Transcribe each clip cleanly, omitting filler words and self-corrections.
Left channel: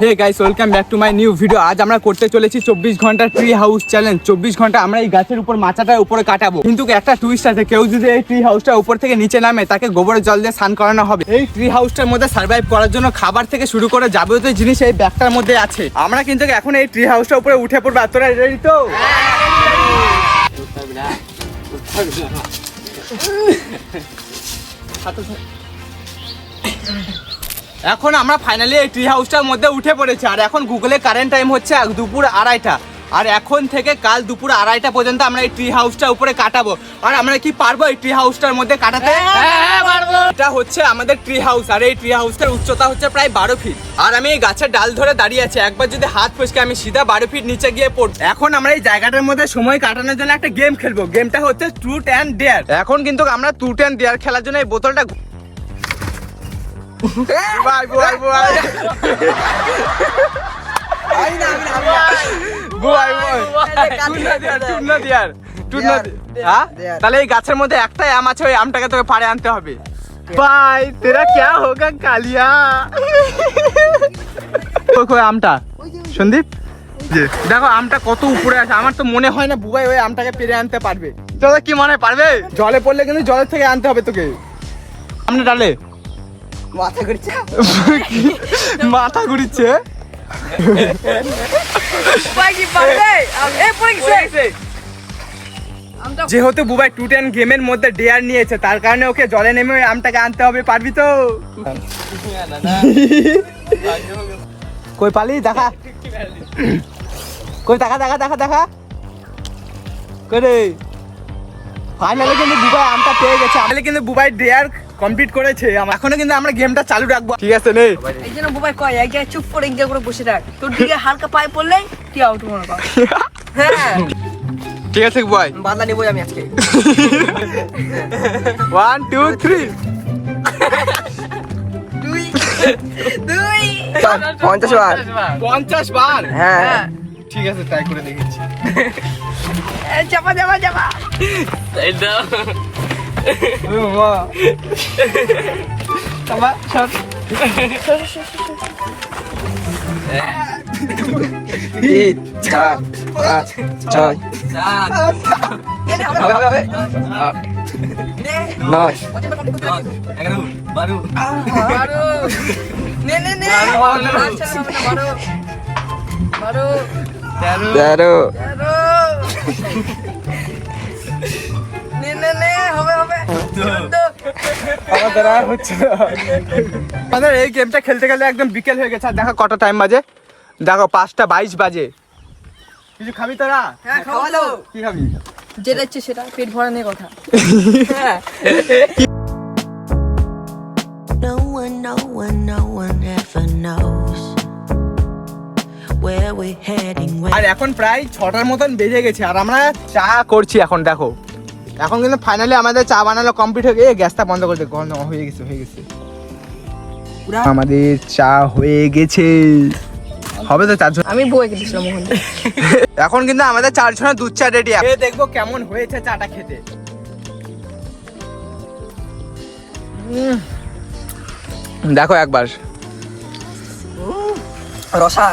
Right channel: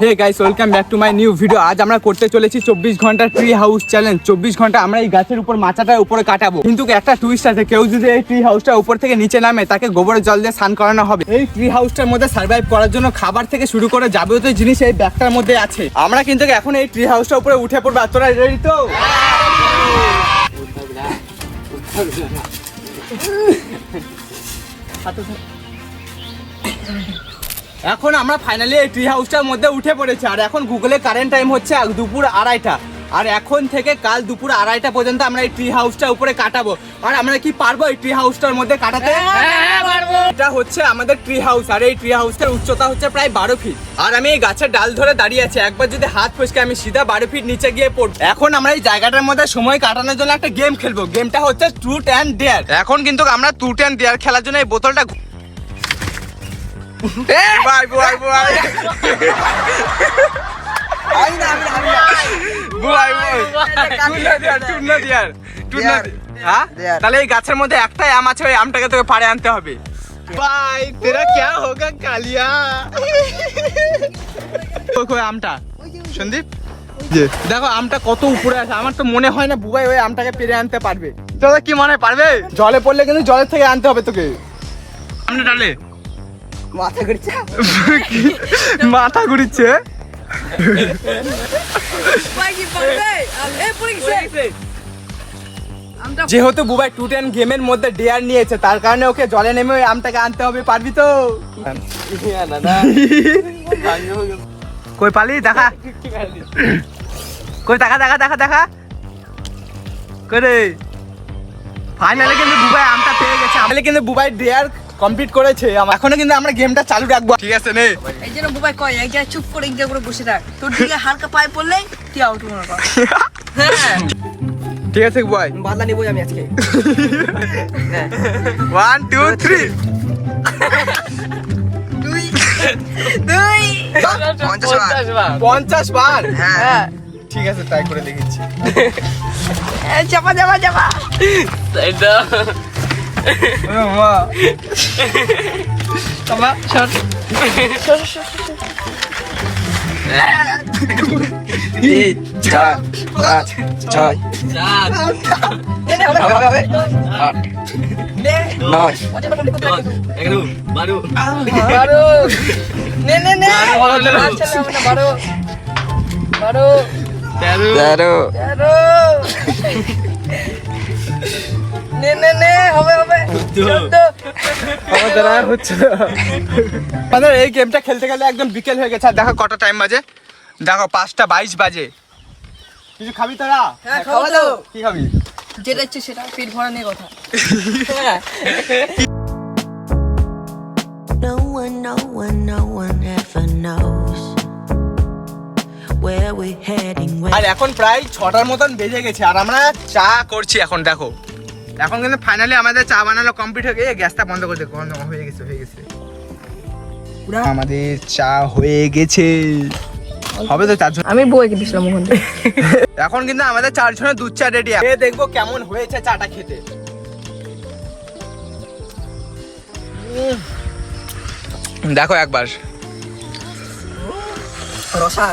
Hey guys, welcome back to my new video. আজ আমরা করতে চলেছি 24 ঘন্টার ট্রি হাউস চ্যালেঞ্জ। 24 ঘন্টা আমরা এই গাছের উপর মাচাটার উপরে কাটাবো, কিন্তু একটা টুইস্ট আছে। কেউ যদি এই ট্রি হাউসটা উপর থেকে নিচে নামে, তাকে গোবরের জল দিয়ে স্নান করানো হবে। এই ট্রি হাউসটার মধ্যে সার্ভাইভ করার জন্য খাবার থেকে শুরু করে যাবতীয় জিনিস এই ব্যাগটার মধ্যে আছে। আমরা কিন্তু এখন এই ট্রি হাউসটার উপরে উঠে পড়বো। আর তোরা রেডি তো? এখন আমরা ফাইনালি এই ট্রি হাউসটার মধ্যে উঠে পড়েছি। আর এখন গুগলে কারেন্ট টাইম হচ্ছে দুপুর 2:30। আর এখন থেকে কাল দুপুর 2:30 পর্যন্ত আমরা এই ট্রি হাউসটা উপরে কাটাবো। আর আমরা কি পারবো এই ট্রি হাউসটার মধ্যে কাটাতে? হ্যাঁ পারবো। এটা হচ্ছে আমাদের ট্রি হাউস, আর এই ট্রি হাউসের উচ্চতা হচ্ছে প্রায় 12 ফিট। আর আমি এই গাছের ডাল ধরে দাঁড়িয়ে আছি। একবার যদি হাত ফসকে আমি সিধা 12 ফিট নিচে গিয়ে পড়বো। এখন আমরা এই জায়গাটার মধ্যে সময় কাটানোর জন্য একটা গেম খেলবো। গেমটা হচ্ছে ট্রুথ অ্যান্ড ডেয়ার। এখন কিন্তু আমরা ট্রুথ অ্যান্ড ডেয়ার খেলার জন্য এই বোতলটা ভাই ভাই ভাই তাহলে এই গাছের মধ্যে একটাই আম আছে, ওই আমটাকে তোকে পাড়ে আনতে হবে। ভাই তেরা ক্যা হোগা কালিয়া। আমটা সন্দীপ, দেখো আমটা কত উপরে আছে। আমার তো মনে হয় না বুবাই ওই আমটাকে পেরে আনতে পারবে। তোদের কি মনে পারবে? জলে পড়লে কিন্তু জলের থেকে আনতে হবে তোকে। আমটা ডালে মাথা ঘুরছে, মাথা ঘুরছে। যেহেতু বুবাই টু টেন গেমের মধ্যে ডেয়ার নিয়েছে, তার কারণে ওকে জলে নেমে ওই আমটাকে আনতে হবে। পারবি তো? কই পালি দেখা, কই দেখা দেখা দেখা দেখা করে। ফাইনালি কিন্তু বুবাই আমটা পেয়ে গেছে। আমাদের কিন্তু বুবাই ডেয়ার কমপ্লিট করেছে। এখনো কিন্তু আমরা গেমটা চালু রাখবো, ঠিক আছে? নে এই জন্য বুবাই কয় এক জায়গায় চুপ করে ইনকা করে বসে থাক, তোর দিকে হালকা পায়ে পড়লে কি আউট মনে কর। হ্যাঁ ঠিক আছে বুবাই, বাদলা নিবই আমি আজকে। 1 2 3 দুই 50 বার 50 বার। হ্যাঁ ঠিক আছে, ট্রাই করে দেখেছি। চাপা চাপা চাপা। মা চাপা সর। 3 4 5 6 হবে 9 বারো নে নে নে বারো 13 নে নে নে হবে হবে 14 হচ্ছে না। এই গেমটা খেলতে গেলে একদম বিকেল হয়ে গেছে। আর দেখো কত টাইম বাজে, দেখো 5টা 22 বাজে। কিছু খাবি তোরা? হ্যাঁ খাওয়া দাও। কি খাবি? যেটা ইচ্ছে সেটা, পেট ভরা নিয়ে কথা। হ্যাঁ No one ever knows where we're heading. আর এখন প্রায় 6টার মতন বেজে গেছে, আর আমরা চা করছি। এখন দেখো, এখন কিন্তু ফাইনালি আমাদের চা বানানো কমপ্লিট হয়ে গেছে। গ্যাসটা বন্ধ করে দে, গরম হয়ে গেছে হয়ে গেছে। আমাদের চা হয়ে গেছে, হবে তো 4 জন। আমি বউকে দিছিলাম। এখন কিন্তু আমাদের 4 জনের দুধ চা রেডি। দেখবো কেমন হয়েছে চাটা খেতে। দেখো একবার রসা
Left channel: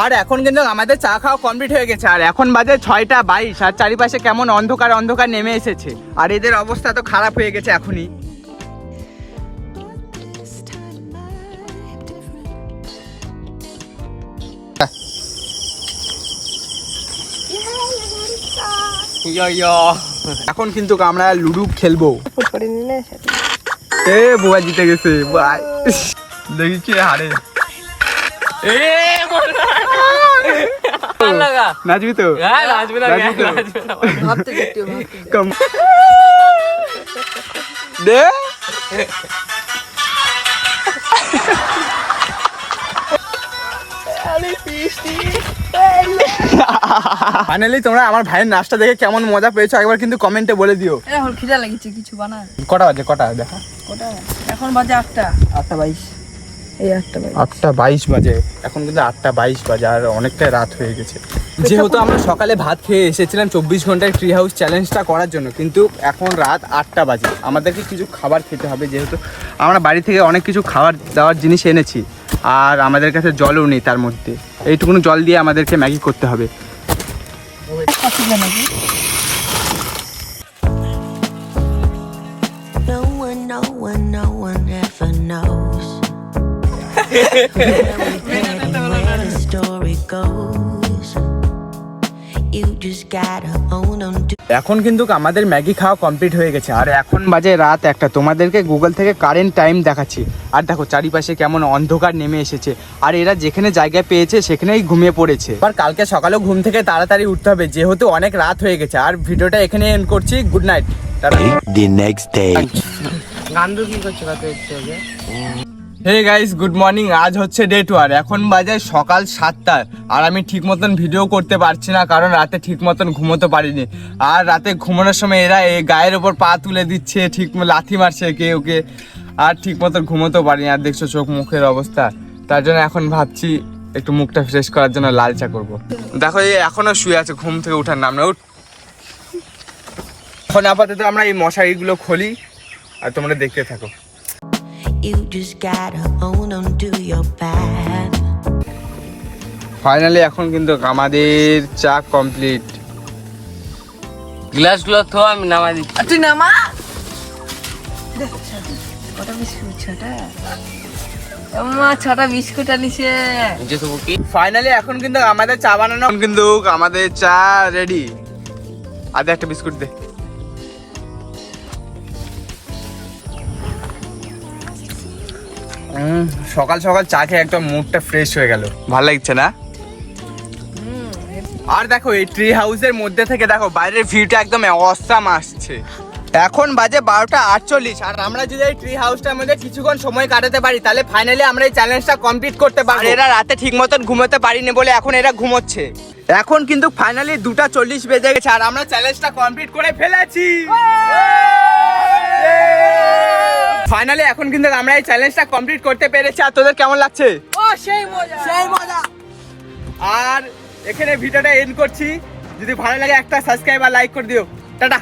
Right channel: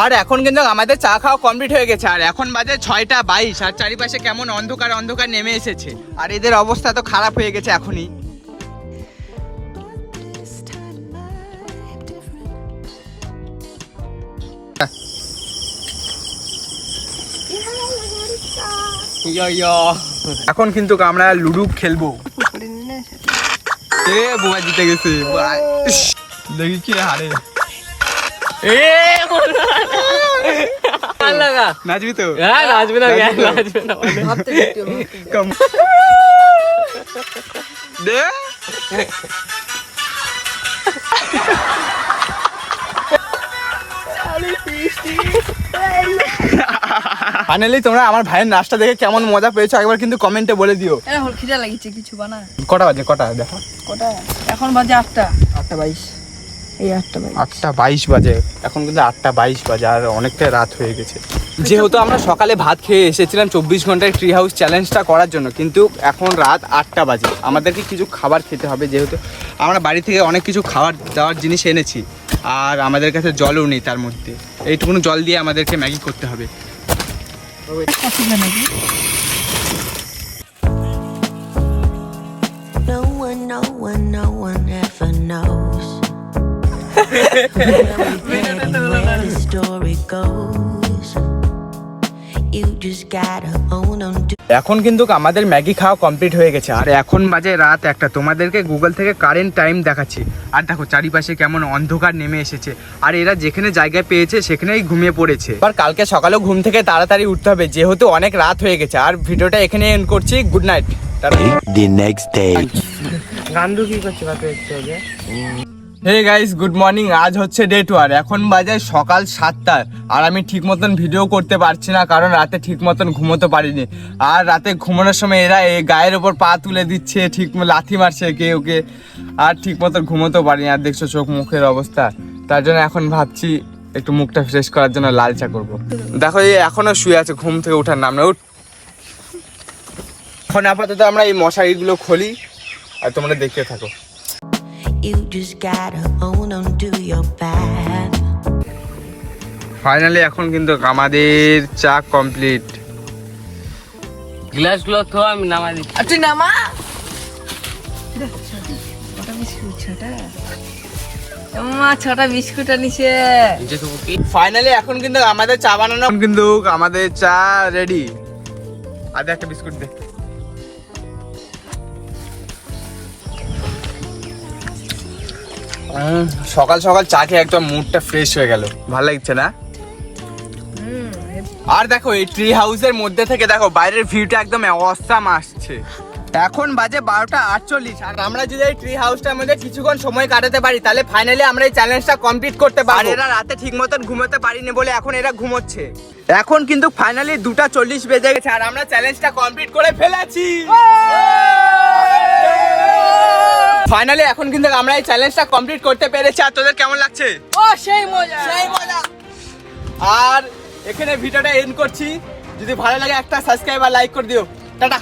আর এখন কিন্তু আমাদের চা খাওয়া কমপ্লিট হয়ে গেছে। আর এখন বাজে 6টা 22। আর চারিপাশে কেমন অন্ধকার অন্ধকার নেমে এসেছে। আর এদের অবস্থা তো খারাপ হয়ে গেছে এখনই। এখন কিন্তু আমরা লুডু খেলবো। এ বুয়া জিতে গেছে। দেখি কি হারে। নাচবি তো? কম দে। ফাইনালি তোমরা আমার ভাইয়ের নাচটা দেখে কেমন মজা পেয়েছো একবার কিন্তু কমেন্টে বলে দিও। এখন খিদা লাগিছে, কিছু বানা। কটা বাজে? কটা দেখো, কটা এখন বাজে? 8:22। এই 8:22 বাজে। এখন কিন্তু 8:22 বাজে, আর অনেকটাই রাত হয়ে গেছে। যেহেতু আমরা সকালে ভাত খেয়ে এসেছিলাম 24 ঘন্টার ট্রি হাউস চ্যালেঞ্জটা করার জন্য, কিন্তু এখন রাত 8টা বাজে, আমাদেরকে কিছু খাবার খেতে হবে। যেহেতু আমরা বাড়ি থেকে অনেক কিছু খাবার দাওয়ার জিনিস এনেছি, আর আমাদের কাছে জলও নেই, তার মধ্যে এইটুকুনো জল দিয়ে আমাদেরকে ম্যাগি করতে হবে। No one ever knows where we're heading, where the story goes. You just gotta hold on to. এখন কিন্তু আমাদের ম্যাগি খাওয়া কমপ্লিট হয়ে গেছে, আর এখন বাজে রাত 1টা। তোমাদেরকে গুগল থেকে কারেন্ট টাইম দেখাচ্ছি, আর দেখো চারিপাশে কেমন অন্ধকার নেমে এসেছে, আর এরা যেখানে জায়গায় পেয়েছে সেখানেই ঘুমিয়ে পড়েছে। আর কালকে সকালেও ঘুম থেকে তাড়াতাড়ি উঠতে হবে, যেহেতু অনেক রাত হয়ে গেছে। আর ভিডিওটা এখানে এন্ড করছি, good night. The next day. Hey guys, good morning. আজ হচ্ছে ডে 2, আর এখন বাজে সকাল 7টা, আর আমি ঠিক মতন ভিডিও করতে পারছি না, কারণ রাতে ঠিক মতন ঘুমোতে পারিনি। আর রাতে ঘুমানোর সময় এরা এই গায়ের ওপর পা তুলে দিচ্ছে, ঠিক লাথি মারছে কেউ কে, আর ঠিক মতন ঘুমোতেও পারিনি। আর দেখছো চোখ মুখের অবস্থা, তার জন্য এখন ভাবছি একটু মুখটা ফ্রেশ করার জন্য লাল চা করবো। দেখো এই এখনো শুয়ে আছে, ঘুম থেকে ওঠার নাম না। উঠ। এখন আপাতত আমরা এই মশারিগুলো খুলি, আর তোমরা দেখতে থাকো। You just gotta hold on to your path. Finally এখন কিন্তু আমাদের চা কমপ্লিট। গ্লাসগুলো তো আমি নামাই দিচ্ছি। আর তুই নামা। ছটা বিস্কুট, ছটা বিস্কুট আনিছে। ফাইনালি এখন কিন্তু আমাদের চা বানানো, কিন্তু আমাদের চা রেডি। আদে একটা বিস্কুট দে। সকাল সকাল চা খেয়ে একদম মুডটা ফ্রেশ হয়ে গেল, ভালো লাগছে না? আর দেখো এই ট্রি হাউসের মধ্যে থেকে দেখো বাইরের ভিউটা একদম অসাম আসছে। এখন বাজে 12:48, আর আমরা যদি এই ট্রি হাউসটার মধ্যে কিছুক্ষণ সময় কাটাতে পারি, তাহলে ফাইনালি আমরা এই চ্যালেঞ্জটা কমপ্লিট করতে পারবো। আর এরা রাতে ঠিক মতন ঘুমোতে পারিনি বলে এখন এরা ঘুমোচ্ছে। এখন কিন্তু ফাইনালি 2:40 বেজে গেছে, আর আমরা চ্যালেঞ্জটা কমপ্লিট করে ফেলেছি। ফাইনালি এখন কিন্তু আমরা এই চ্যালেঞ্জটা কমপ্লিট করতে পেরেছি। আর তোদের কেমন লাগছে? ও সেই মজা, সেই মজা। আর এখানে ভিডিওটা এন্ড করছি। যদি ভালো লাগে একটা সাবস্ক্রাইব আর লাইক করে দিও। টাটা।